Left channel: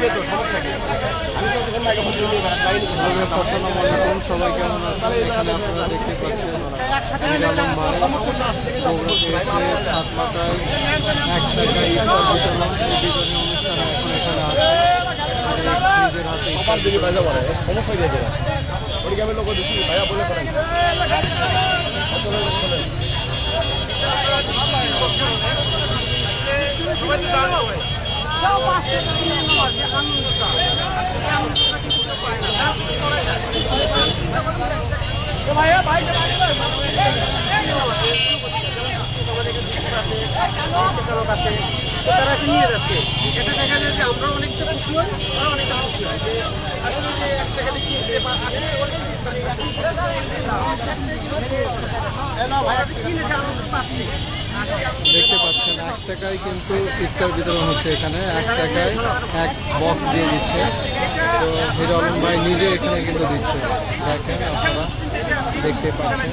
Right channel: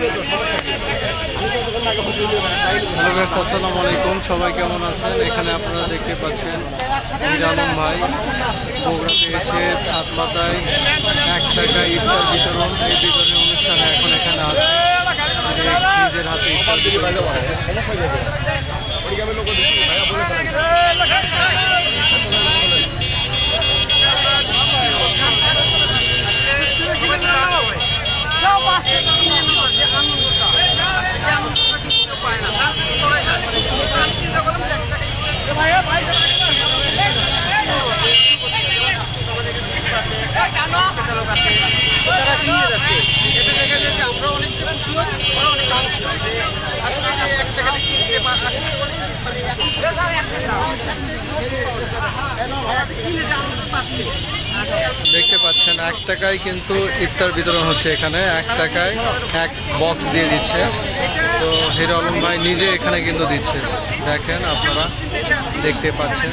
Hello guys, আসসালামু আলাইকুম। সবাই কেমন আছেন? এখানে আপনারা দেখতে পাচ্ছেন মীর আলম ভাই বগুড়াতে এসে হাত পাতায় 1 টাকা ইফতার বিতরণ, এই বিতরণের অনুষ্ঠানে এখন এখানে আছে। নিজের হাতে ইফতার বিতরণ করতেছে। তারা নিয়ে যাচ্ছে, এটা দেখা যায় যে আমরা অনেকটা খুশি হই, ওরা অনেক খুশি হয় যে আসলে যে 1 টাকাতে কিনতে দেখতে পাচ্ছেন 1 টাকায় কিন্তু ইফতার বিতরণ হচ্ছে। এখানে 1 টাকায় 1 বক্স দিয়ে দিচ্ছে। তো হিরো আলম ভাই নিজে এখানে কিন্তু দিচ্ছে, দেখেন আপনারা দেখতে পাচ্ছেন।